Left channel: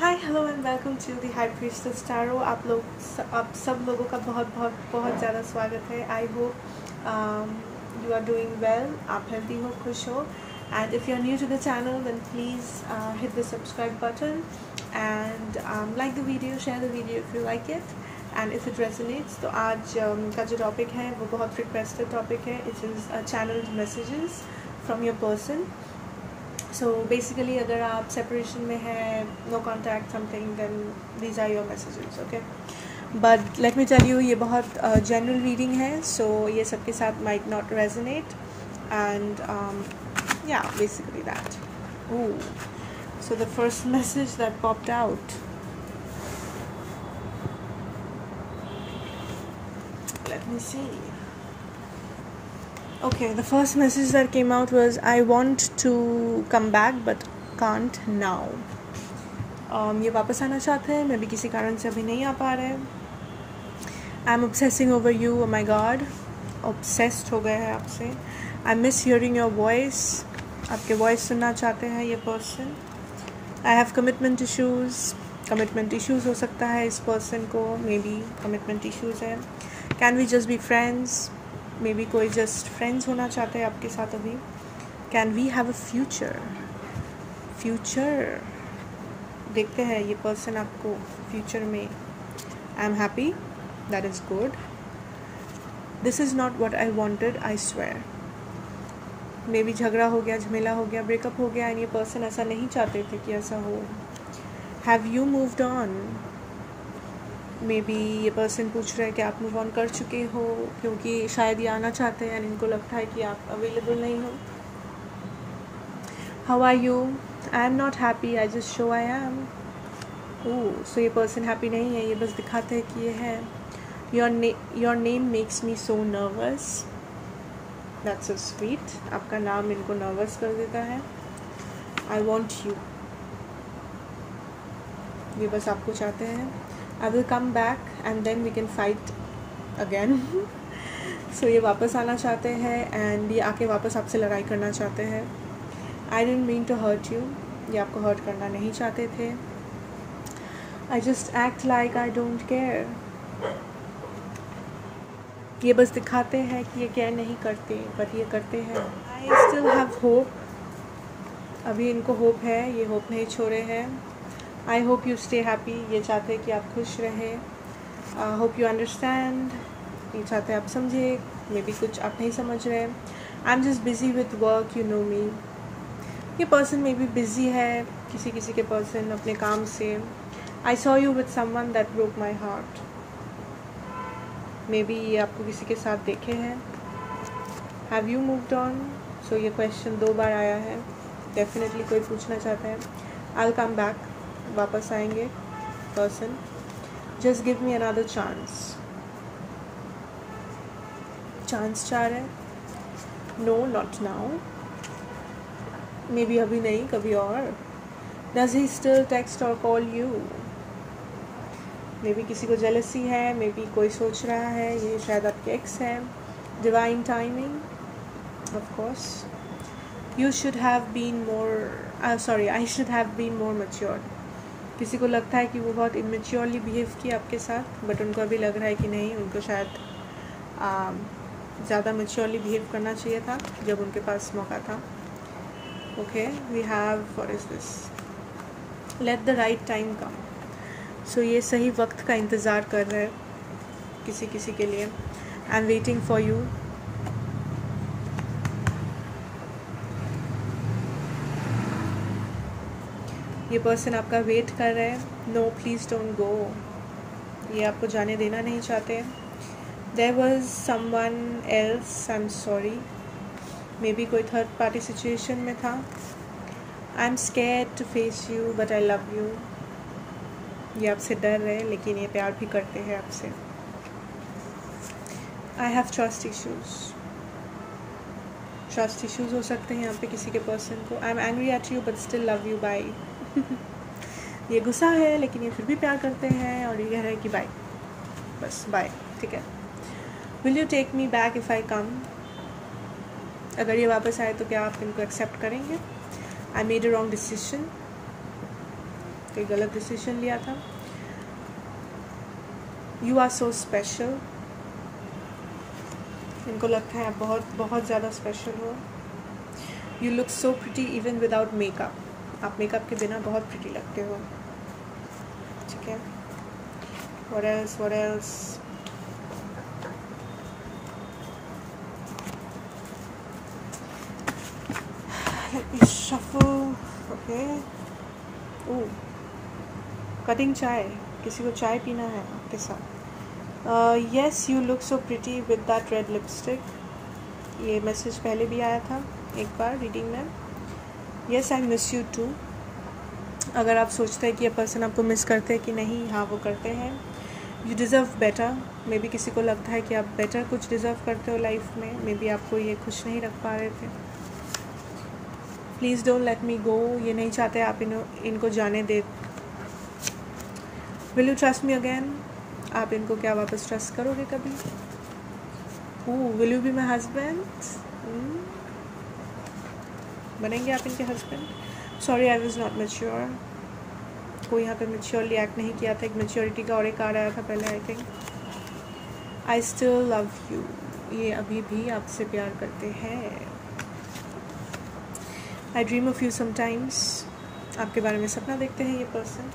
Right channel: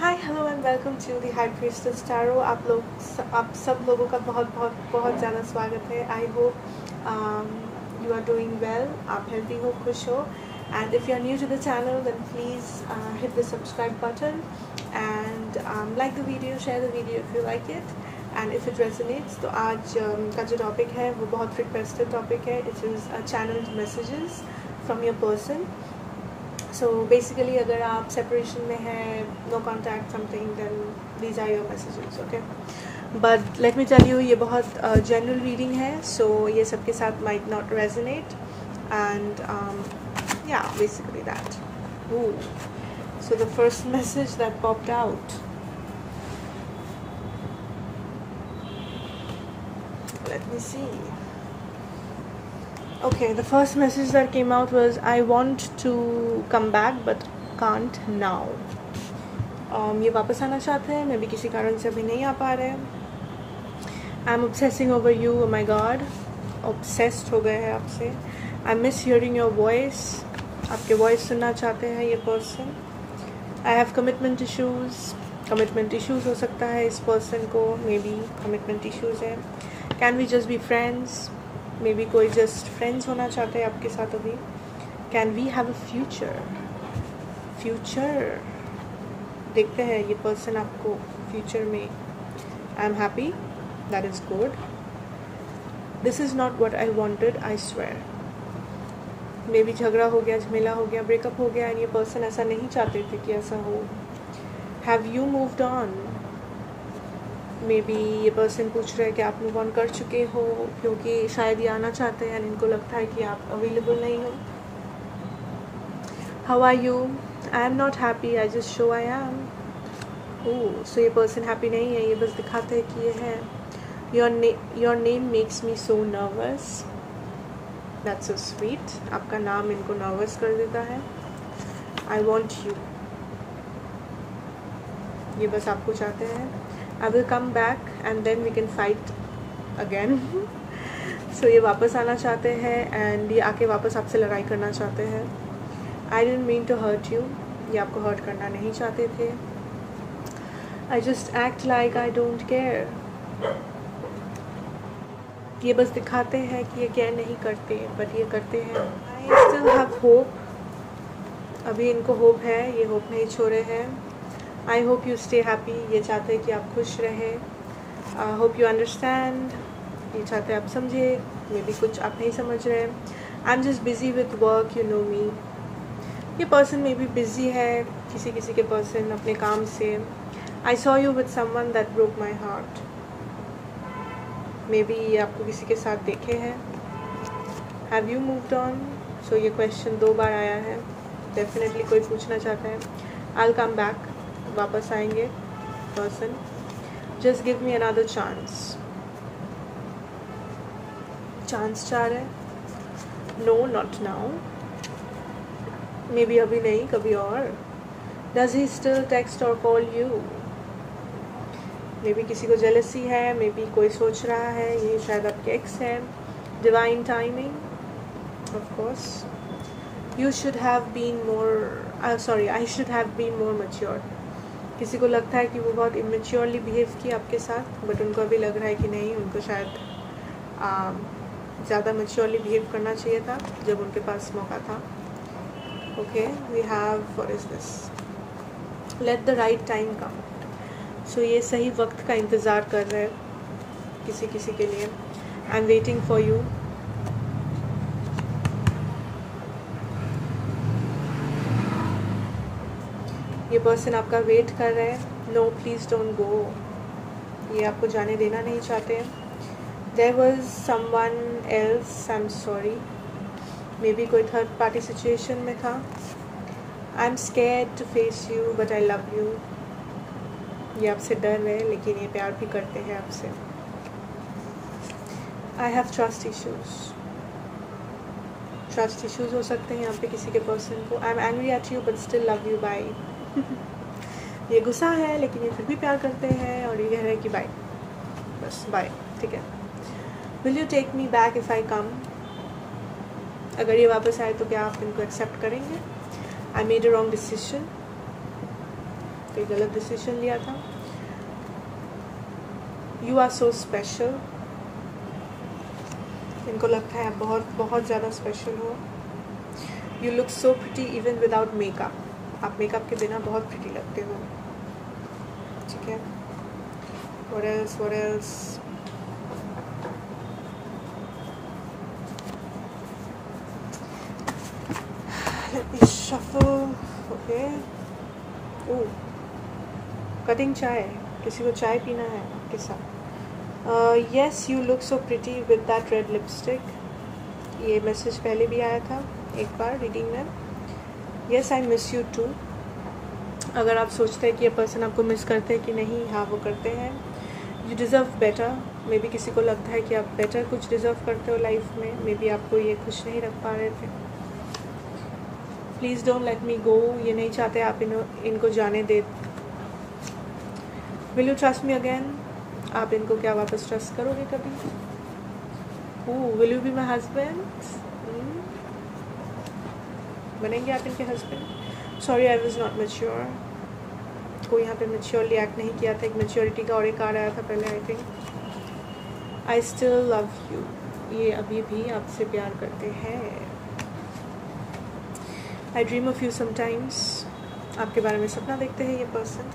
Hi hello and welcome to the high priestess tarot. आप सब लोगों का बहुत ज़्यादा स्वागत है। I hope you are doing well, आप हेल्दी हो, खुश हो। And if you are new to the channel then please hit the subscribe button and like the video, share the video if you like it and if it resonates. तो आज का जो topic है वो बहुत रिक्वेस्टेड टॉपिक है। It is channelled messages from your person. So basically अगर आप separation में है, no contact something, then these are your messages, okay? But let me tell you, ये बहुत general reading है, so ये सबके साथ might not resonate, and yeah, basically that. Ooh. So the first message that popped out. Let me see. Okay, the first message that came out was I want to come back but can't now. ये वापस आना चाहते हैं, मैं भी किसी कारण से अभी नहीं आ पा रहे हैं। I M obsessing over you, oh my God, obsessed हो गए हैं आपसे। I miss hearing your voice, आपके voice सुनना चाहते हैं ये person। I have commitment issues हो सकता है इस person को, maybe commitment issues है। Can we just be friends? Maybe कोई जस्ट फ्रेंड्स होना चाहते हैं आपके साथ अभी। Can we have a future देखते हैं ये पर्सन आपको फ्यूचर में। I am happy, that is good. This is not what I wanted, I swear. Maybe झगड़ा हो गया, झमेला हो गया, ब्रेकअप हो गया एंड ये पर्सन ऐसा नहीं चाहते थे कि ऐसा हो। Have you moved on? May be ये पर्सन पूछ रहे हैं कि आप मूव ऑन कर चुके हो, क्योंकि शायद ये आना चाहते हैं एंड इनको लगता है कि आप अवेलेबल नहीं हो। How are you? I am not happy, I just show I am. Oh, so ये पर्सन हैप्पी नहीं है, ये बस दिखाते हैं कि ये है। Your name makes me so nervous, that's so sweet. आपका नाम इनको नर्वस कर देता है। आई वॉन्ट यू, ये बस आपको चाहते हैं। I will come back and then we can fight again. So ये वापस आना चाहते हैं and ये आके वापस आपसे लड़ाई करना चाहते हैं। I didn't mean to hurt you, ये आपको हर्ट करना नहीं चाहते थे। I just act like I don't care, ये बस दिखाते हैं कि ये केयर नहीं करते बट ये करते हैं। I still have hope, अभी इनको होप है, ये होप नहीं छोड़े हैं। आई होप यू स्टे हैप्पी, ये चाहते हैं कि आप खुश रहें। होप यू अंडरस्टैंड, ये चाहते हैं आप समझे, मे बी कुछ आप नहीं समझ रहे। I am just busy with work, you know me. ये पर्सन मे बी बिजी है, किसी के पर्सन अपने काम से। I saw you with someone that broke my heart, maybe ये आपको किसी के साथ देखे हैं। Have you moved on? So ये क्वेश्चन 2 बार आया है, डेफिनेटली कोई पूछना चाहता है। आई विल कम बैक, वापस आएंगे person. Just give me another chance चाह रहे। No, not now, maybe अभी नहीं, कभी और। डज ही स्टिल टेक्स्ट और कॉल यू? मे बी किसी को जेलसी है, मे बी कोई सोच रहा है ये शायद आपके एक्स है। Divine timing, of course. You should have been more, sorry, I should have been more mature. किसी को लगता है कि वो बहुत इमेच्योरली बिहेव किया आपके साथ, बट उनको अभी लग रहा है कि नहीं, उनको शायद ज़्यादा मैच्योरली बिहेव करना चाहिए था जब उनके पास मौका था। Okay, we have, what is this? Let the right time come. So ये सही वक्त का इंतज़ार कर रहे हैं किसी के लिए। I am waiting for you. ये पर्सन आपका वेट कर रहे हैं। नो, प्लीज़ डोंट गो, ये आपको जाने देना नहीं चाहते। There was someone else, I am sorry, maybe कोई थर्ड पार्टी सिचुएशन में था। I am scared to face you but I love you, ये आपसे डर रहे हैं लेकिन ये प्यार भी करते हैं आपसे। आई हैव ट्रस्ट इश्यूज हो सकते हैं यहाँ पे किसी के पर्सन को। I am angry at you but still love you, bye. ये गुस्सा है लेकिन ये फिर भी प्यार करते हैं और ये कह रहे हैं कि बाय, बस बाय, ठीक है। Will you take me back if I come? अगर ये वापस आए तो क्या आप इनको एक्सेप्ट करेंगे? I made a wrong decision, कोई गलत डिसीजन लिया था। यू आर सो स्पेशल, इनको लगता है आप बहुत बहुत ज़्यादा स्पेशल हो। You look so pretty even without makeup, आप मेकअप के बिना बहुत प्रिटी लगते हो। ठीक है, what else, what else? Let me shuffle. Okay. Oh, cutting चाय, किसी को चाय पीना है के साथ। Yes, you look so pretty with that red lipstick. ये मैसेज पहले भी आया था एक बार रीडिंग में। Yes, I miss you too. अगर आप सोचते हैं कि ये पर्सन आपको मिस करते हैं कि नहीं, हाँ वो करते हैं। You deserve better, may be किसी को लगता है कि आप बेटर कुछ डिज़र्व करते हो लाइफ में, मे बी आपको ये खुश नहीं रख पा रहे थे। Please don't let me go, ये नहीं चाहते आप इनको जाने दे। Will you trust me again, आप इनको क्या वापस ट्रस्ट करोगे कभी? Will you be my husband, बनेंगे आप इनके husband? Sorry I was not mature, कोई यहाँ पे मैच्योरली एक्ट नहीं किया था। एक मैच्योरिटी का और एक आ रहा था पहले I think. I still love you, ये अभी भी आपसे प्यार करते हैं। आई ड्रीम ऑफ यू समटाइम्स, आपके बारे में सपना देखते हैं ये पर्सन।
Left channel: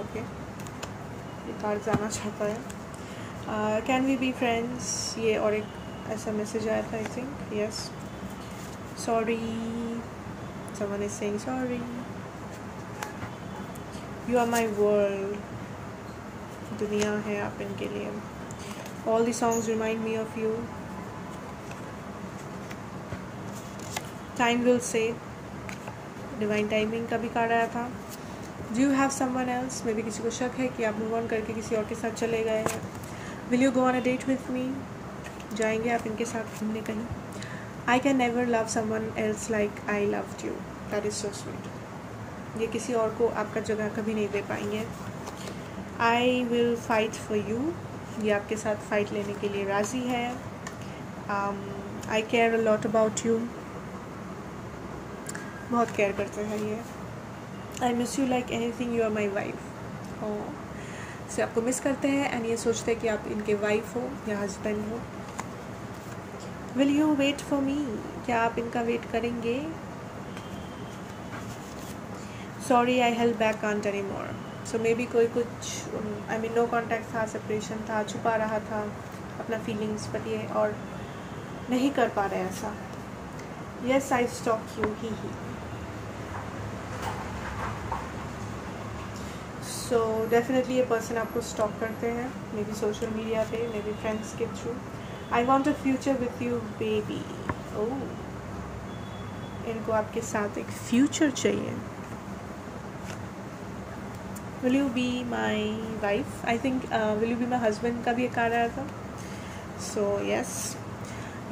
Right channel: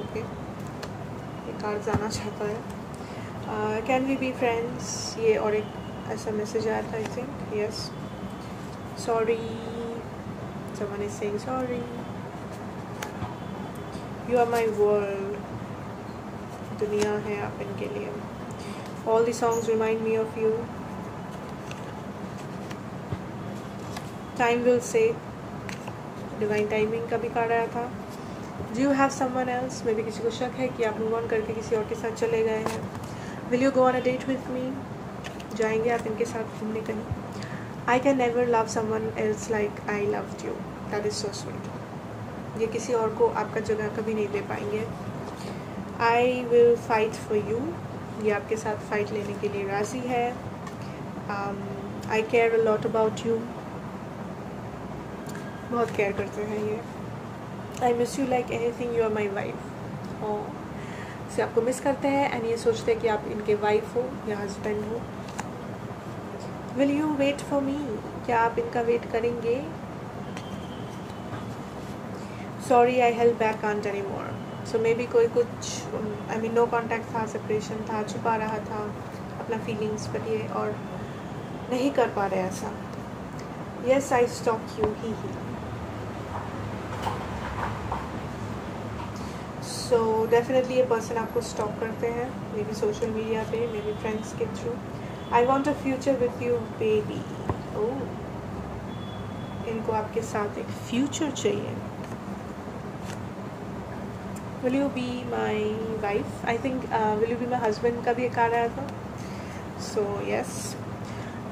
ओके, ये कार्ड जाना चाहता है। कैन वी बी फ्रेंड्स, ये और एक ऐसा मैसेज आया था I think. Yes, sorry, someone is saying sorry. You are my world, दुनिया है आप इनके लिए। All the songs remind me of you. Time will say, divine timing का भी कार्ड आया था। Do you have someone else? मे भी किसी को शक है कि आप मूव ऑन करके किसी और के साथ चले गए हैं। Will you go on a date with me? जाएंगे आप इनके साथ घूमने कहीं? I can never love someone else like I loved you. That is so sweet. ये किसी और को आपका जगह कभी नहीं दे पाएंगे। I will fight for you. ये आपके साथ फाइट लेने के लिए राजी है। I care a lot about you. बहुत केयर करते हैं ये। I miss you like anything. You are my wife. से आपको मिस करते हैं एंड ये सोचते हैं कि आप इनके वाइफ हो या हस्बैंड हो। Will you wait for me? क्या आप इनका वेट करेंगे? Sorry, I held back, can't anymore. So maybe कोई कुछ no contact था, separation था, छुपा रहा था अपना feelings पर ये और नहीं कर पा रहे ऐसा। Yes, I stalk you. So definitely ये person आपको stalk करते हैं, maybe social media पे, maybe friends के through. I want a future with you, baby. Oh, इनको आपके साथ एक future चाहिए। Will you be my wife? I think will you be my husband का भी एक आ रहा था। So yes,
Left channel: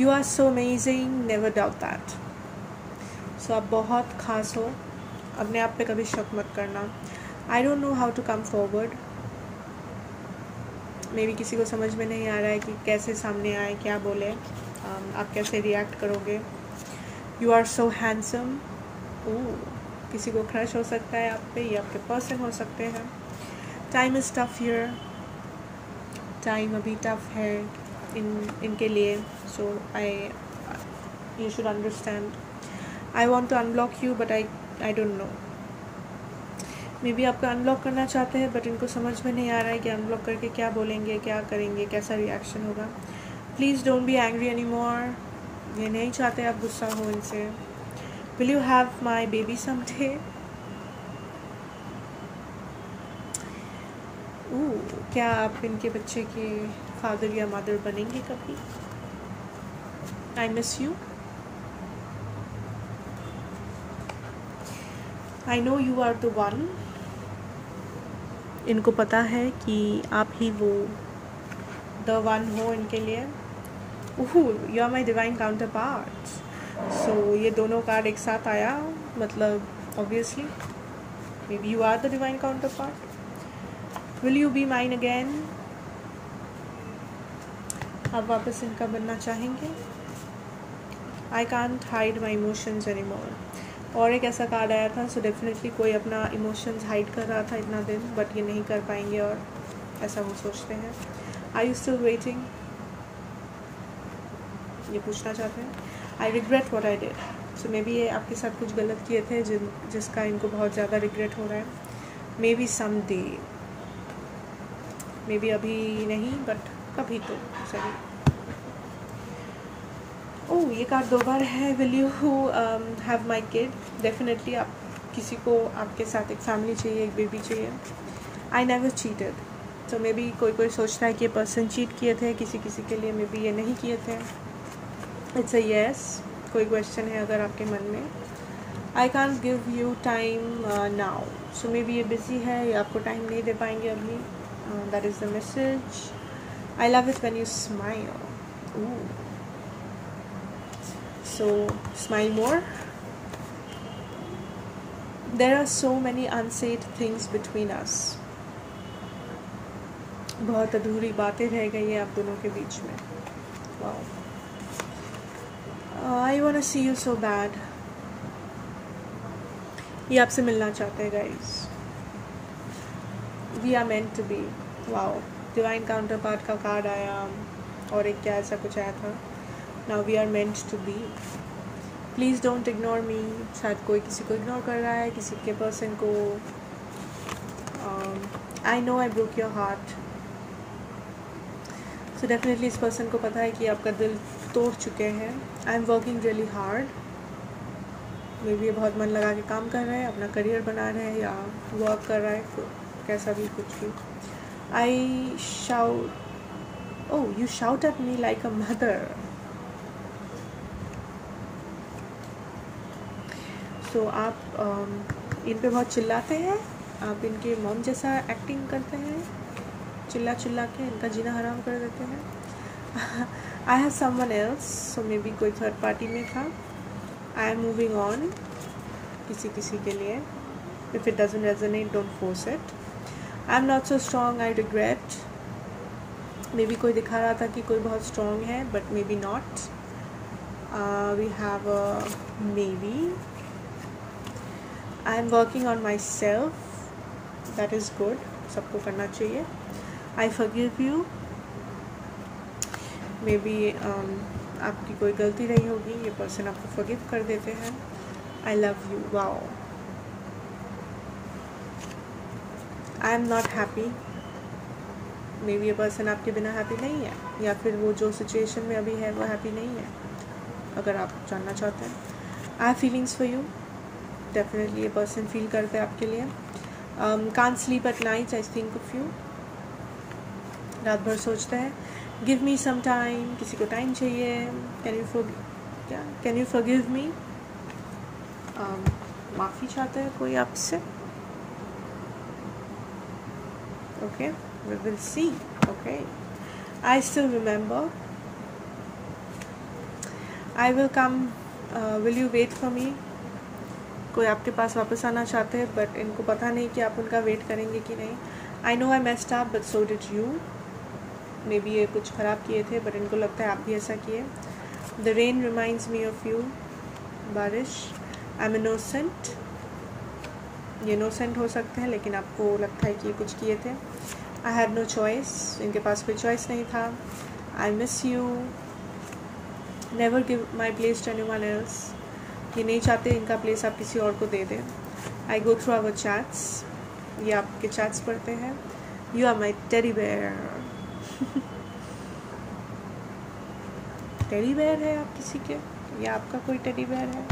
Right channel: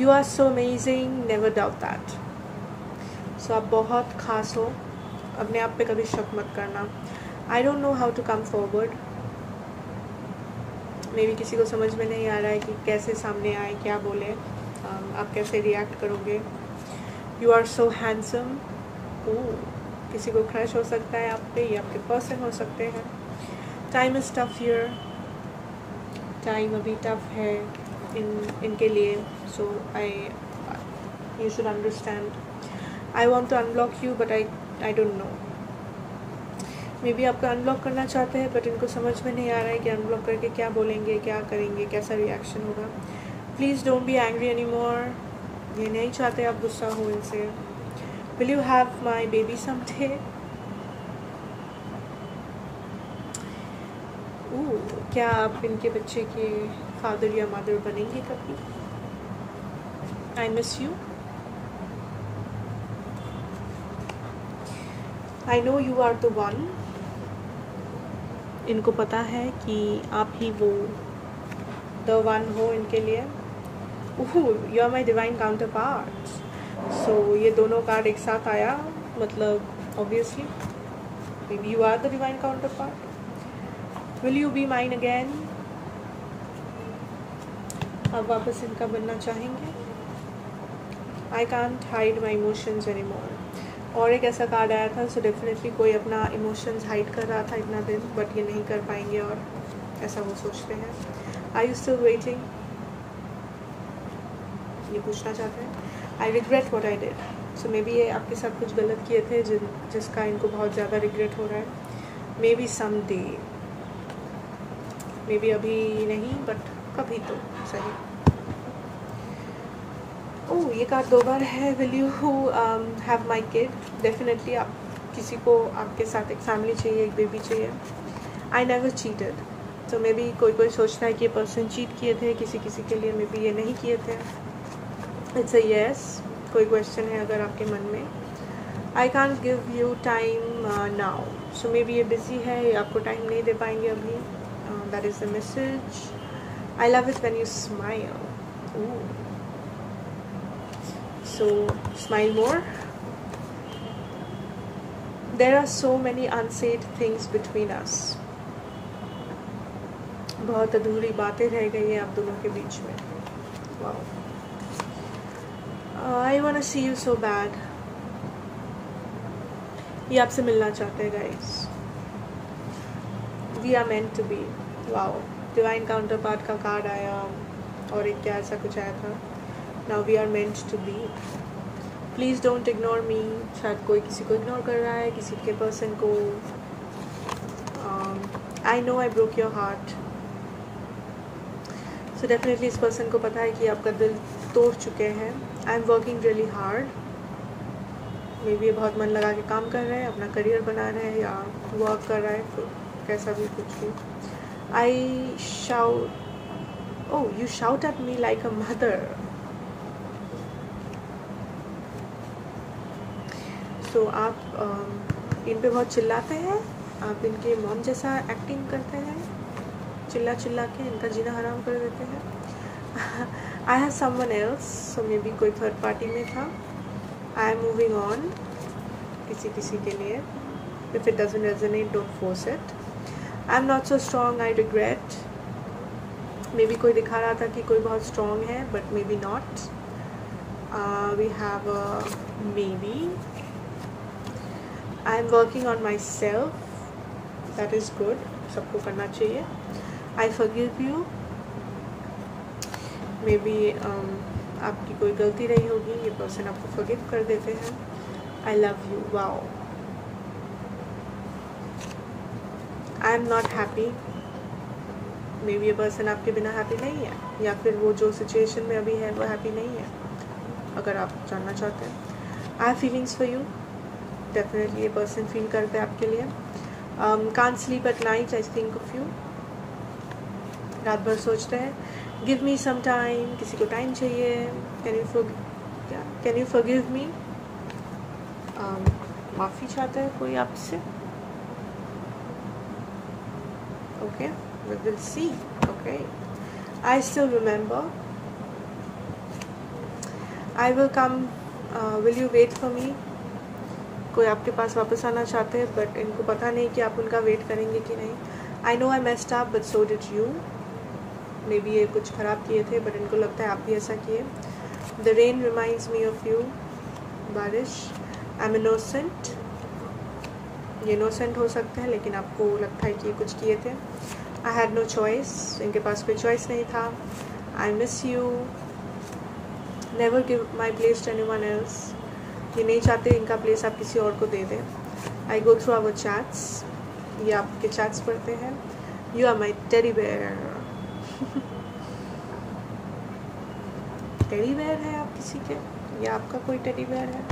you are so amazing. Never doubt that. So आप बहुत खास हो, अपने आप पे कभी शक मत करना। I don't know how to come forward. मे भी किसी को समझ में नहीं आ रहा है कि कैसे सामने आए, क्या बोले, आप कैसे रिएक्ट करोगे। यू आर सो हैंडसम, किसी को क्रश हो सकता है आप पे, ये आपके पर्सन हो सकते हैं। Time is tough here, time अभी टफ है इनके लिए। So you should understand. I want to unblock you but I don't know, maybe आपका अनब्लॉक करना चाहते हैं बट इनको समझ में नहीं आ रहा है कि अनब्लॉक करके क्या बोलेंगे, क्या करेंगे, कैसा रिएक्शन होगा। Please don't be angry any more, ये नहीं चाहते आप गुस्सा हो इनसे। Will you have my baby someday? क्या आप इनके बच्चे के फादर या मदर बनेंगे कभी? I miss you. I know you are the one, इनको पता है कि आप ही वो द वन हो इनके लिए। You are my divine counterpart. So ये दोनों कार्ड एक साथ आया, मतलब obviously maybe you are the divine counterpart. Will you be mine again? आप वापस इनका बनना चाहेंगे? I can't hide my emotions any more. और एक ऐसा कार्ड आया था, सो डेफिनेटली कोई अपना इमोशंस हाइड कर रहा था इतना दिन, बट ये नहीं कर पाएंगे और ऐसा वो सोचते हैं. आर यू स्टिल वेटिंग, ये पूछना चाहते हैं. I regret what I did. So maybe ये आपके साथ कुछ गलत किए थे जिसका इनको बहुत ज़्यादा रिग्रेट हो रहा है. Maybe someday, maybe अभी नहीं बट कभी तो सही. ओह, ये कार्ड 2 बार है. Will you have my kid. Definitely आप किसी को आपके साथ एक फैमिली चाहिए, एक बेबी चाहिए. I never cheated. तो मे बी कोई सोचता है कि ये पर्सन चीट किए थे किसी के लिए, मे बी ये नहीं किए थे. It's a yes. कोई क्वेश्चन है अगर आपके मन में. I can't give you time now. So maybe ये बिजी है, ये आपको टाइम नहीं दे पाएंगे अभी. That is the message. I love it when you smile. So smile more. There are so many unsaid things between us. बहुत अधूरी बातें रह गई हैं आप दोनों के बीच में. Wow. I wanna see you so bad. ये आपसे मिलना चाहते हैं guys. We are meant to be. Wow. Divine counterpart का कार्ड आया और एक क्या ऐसा कुछ आया था. Now we are meant to be. Please don't ignore me. शायद कोई किसी को इग्नोर कर रहा है, किसी के पर्सन को. I know I broke your heart. So definitely इस पर्सन को पता है कि आपका दिल तोड़ चुके हैं. I'm working really hard. May be ये बहुत मन लगा के काम कर रहे हैं, अपना करियर बना रहे हैं या वर्क कर रहा है, कैसा भी कुछ भी. I shout. Oh, you shout at me like a mother. तो आप इन पे बहुत चिल्लाते हैं, आप इनके मॉम जैसा एक्टिंग करते हैं, चिल्ला के इनका जीना हराम कर देते हैं. I have someone else. So maybe कोई थर्ड पार्टी में था. I am moving on. किसी के लिए. If it doesn't resonate don't force it. I am not so strong. I regret. Maybe कोई दिखा रहा था कि कोई बहुत स्ट्रॉन्ग है but maybe not. We have a maybe. I am working on myself. That is good. सबको करना चाहिए. I forgive you. Maybe आपकी कोई गलती रही होगी, ये पर्सन आपको forgive कर देते हैं. I love you. Wow. I am not happy. Maybe ये पर्सन आपके बिना happy नहीं है, या फिर वो जो situation में अभी है वो happy नहीं है. अगर आप जानना चाहते हैं. I have feelings for you. Definitely ये पर्सन फील करते हैं आपके लिए. Can't sleep at night. I think of you. रात भर सोचते हैं. Give me some time. किसी को टाइम चाहिए. Can you forgive me. माफ़ी चाहते हैं कोई आपसे. Okay, we will see. Okay. I still remember. I will come. Will you wait for me. कोई आपके पास वापस आना चाहते हैं बट इनको पता नहीं कि आप उनका वेट करेंगे कि नहीं. आई know I messed up but so did you. Maybe ये कुछ ख़राब किए थे बट इनको लगता है आप भी ऐसा किए. The rain reminds me of you. बारिश. I am innocent. ये इनोसेंट हो सकते हैं लेकिन आपको लगता है कि ये कुछ किए थे. I had no choice. इनके पास कोई चॉइस नहीं था. I miss you. Never give my place to anyone else. ये नहीं चाहते इनका प्लेस आप किसी और को दे दें. I go through our chats. ये आपके चैट्स पढ़ते हैं. You are my teddy bear. Teddy bear है आप किसी के, या आपका कोई टेडी बेयर है.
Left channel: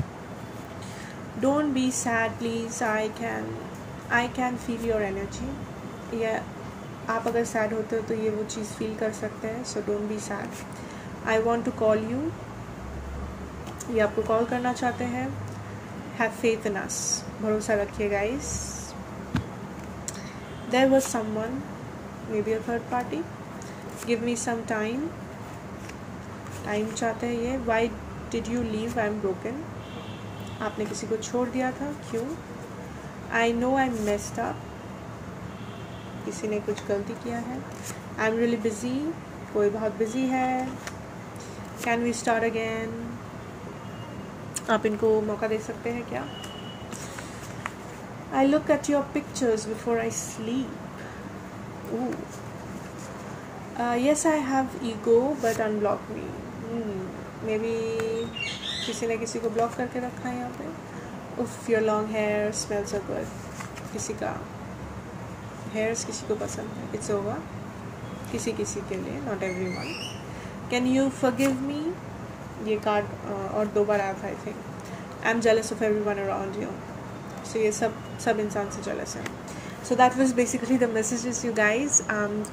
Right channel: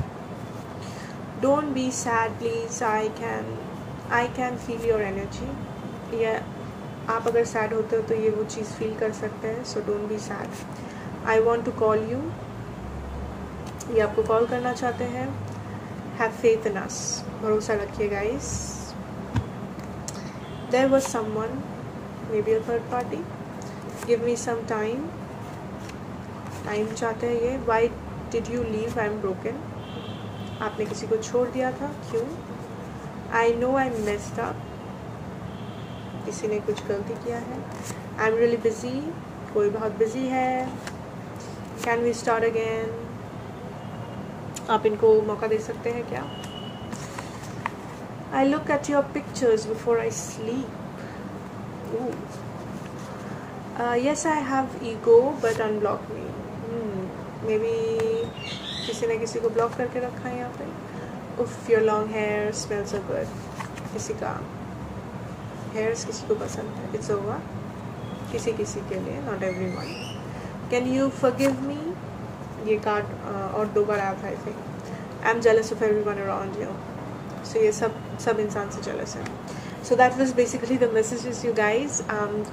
Don't be sad please. I can feel your energy. या आप अगर सैड होते हो तो ये वो चीज़ फील कर सकते हैं. So don't be sad. I want to call you. ये आपको कॉल करना चाहते हैं. Have faith in us. भरोसा रखिए guys. There was someone, maybe a third party. Give me some time. Time चाहते हैं ये. Why did you leave. I am broken. आपने किसी को छोड़ दिया था, क्यों. I know I messed up. किसी ने कुछ गलती किया है. I am really busy. कोई बहुत बिजी है. Can we start again. आप इनको मौका दे सकते हैं क्या. I look at your pictures before I sleep. Ooh. Yes, I have ego, but unblock me. Maybe किसी ने किसी को ब्लॉक करके रखा है यहाँ पे. Uff, your long hair smells so good. किसी का hairs किसी को पसंद है. It's over. किसी किसी के लिए, not everyone. Can you forgive me? ये कार्ड और 2 बार आया था I think. I'm jealous of everyone around you. So ये सब इंसान से jealous है. So that was basically the messages, you guys.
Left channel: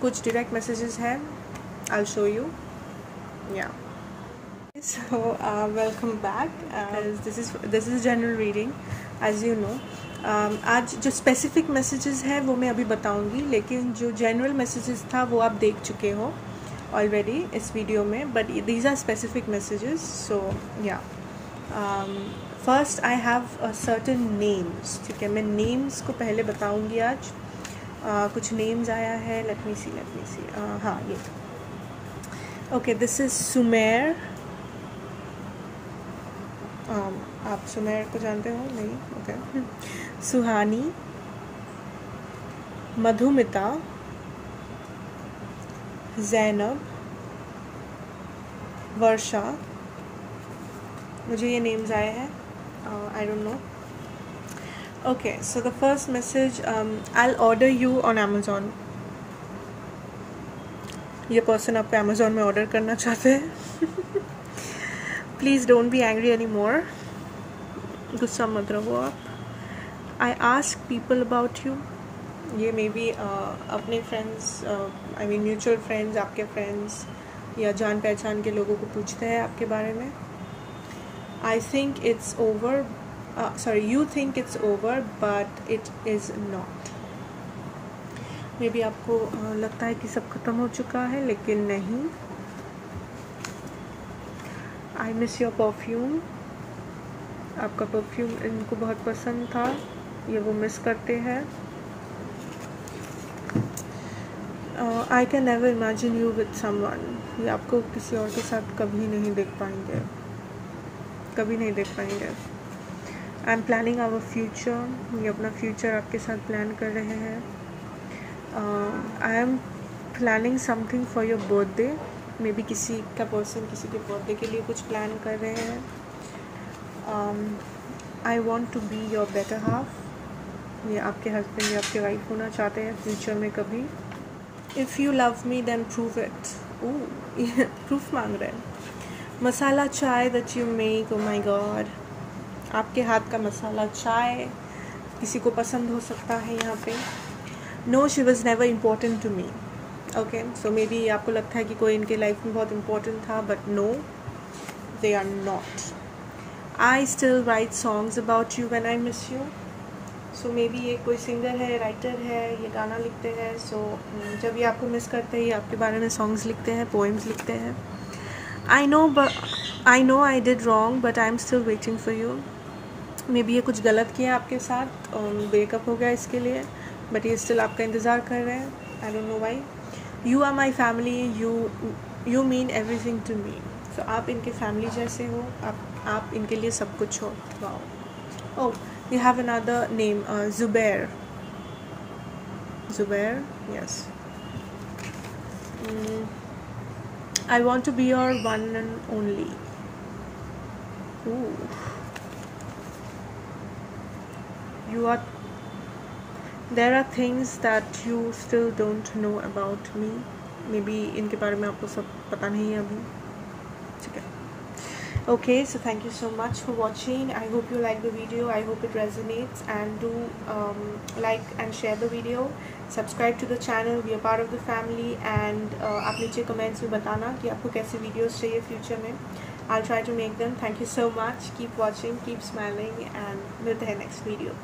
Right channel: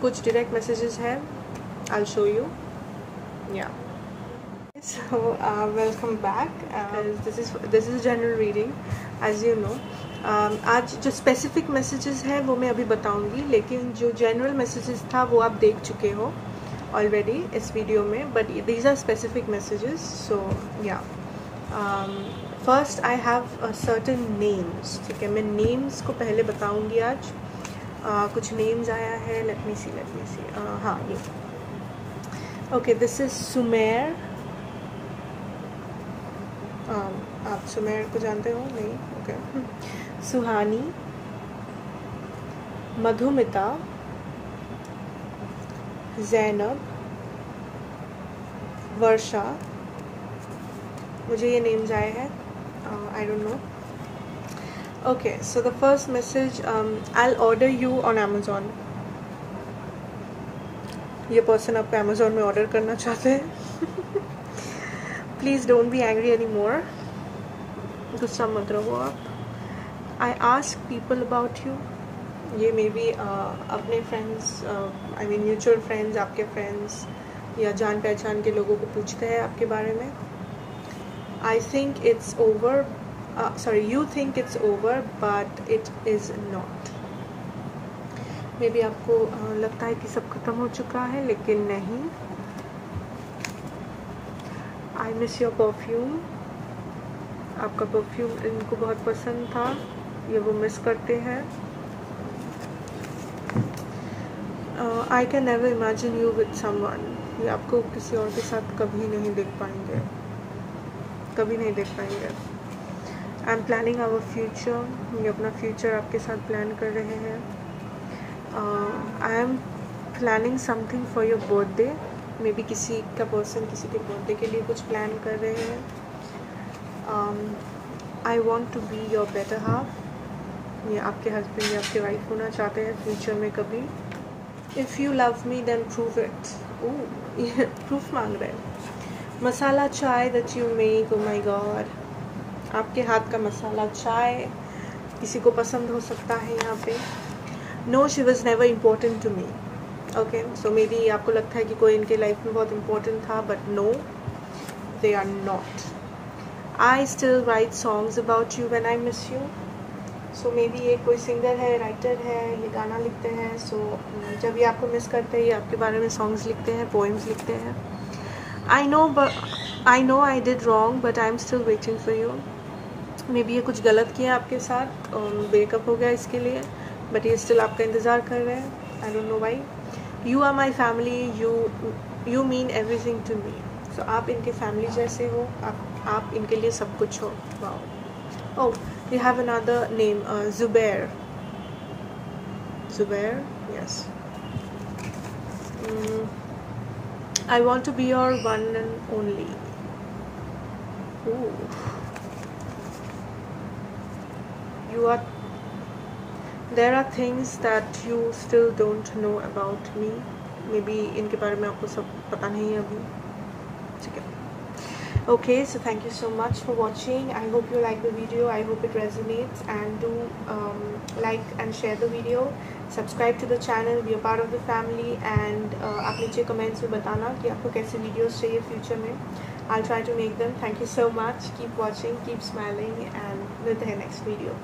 कुछ direct messages हैं. I'll show you. Yeah. So welcome back. This is general reading, as you know. आज जो specific messages हैं वो मैं अभी बताऊंगी, लेकिन जो general messages था वो आप देख चुके हो already इस वीडियो में. But these are specific messages. So yeah. First I have a certain names. ठीक है, मैं names को पहले बताऊंगी आज. कुछ names आया है. Let me see. हाँ, ये. Okay, this is Sumer. आप सुमेर को जानते हो? नहीं? Okay. सुहानी, मधुमिता, ज़ैनब, वर्षा. मुझे ये नेम्स आए हैं. I don't know. Okay, so the first message, I'll order you on Amazon. ये पर्सन आपको Amazon में ऑर्डर करना चाहते हैं. Please don't be angry anymore. गुस्सा मत रहो आप. I ask people about you. ये मे बी अपने friends, I mean mutual friends, आपके फ्रेंड्स या जान पहचान के लोगों को पूछते हैं आपके बारे में. I think it's over. Sorry, you think it's over, but it is not. May be आपको लगता है कि सब खत्म हो चुका है, लेकिन नहीं. I miss your perfume. आपका परफ्यूम इनको बहुत पसंद था, ये वो मिस करते हैं. I can never imagine you with someone. ये आपको किसी और के साथ कभी नहीं देख पाएंगे. I am planning our future. ये अपना फ्यूचर आपके साथ प्लान कर रहे हैं. I am planning something for your birthday. Maybe किसी का पर्सन किसी के बर्थडे के लिए कुछ प्लान कर रहे हैं. I want to be your better half. ये आपके हस्बैंड या आपके वाइफ होना चाहते हैं फ्यूचर में कभी. If you love me then prove it. ये प्रूफ मांग रहे हैं. Masala chai that you make. Oh my God, आपके हाथ का मसाला चाय किसी को पसंद हो सकता है यहाँ पे. No, she was never important to me. Okay, so maybe आपको लगता है कि कोई इनके लाइफ में बहुत इम्पोर्टेंट था, but no, they are not. I still write songs about you when I miss you. So maybe ये कोई सिंगर है, राइटर है, ये गाना लिखते हैं. सो जब ये आपको मिस करते हैं, ये आपके बारे में सॉन्ग्स लिखते हैं, पोएम्स लिखते हैं. I know I did wrong, but I'm still waiting for you. May be ये कुछ गलत किया आपके साथ और ब्रेकअप हो गया इसके लिए, बट ये स्टिल आपका इंतज़ार कर रहे हैं. I don't know why. You are my family. You mean everything to me. So आप इनके फैमिली जैसे हो. आप इनके लिए सब कुछ हो. Wow. Oh, you have another name, Zubair. Zubair, yes. I want to be your one and only. Ooh. There are things that you still don't know about me. Maybe इनके बारे में आपको सब पता नहीं है अभी. ठीक है. Okay, so thank you so much for watching. I hope you like the video. I hope it resonates, and do like and share the video. Subscribe to the channel, be a part of the family, and आप नीचे comments में बताना कि आपको कैसे videos चाहिए future में. I'll try to make them. Thank you so much. Keep watching, keep smiling, and मिलते हैं next video.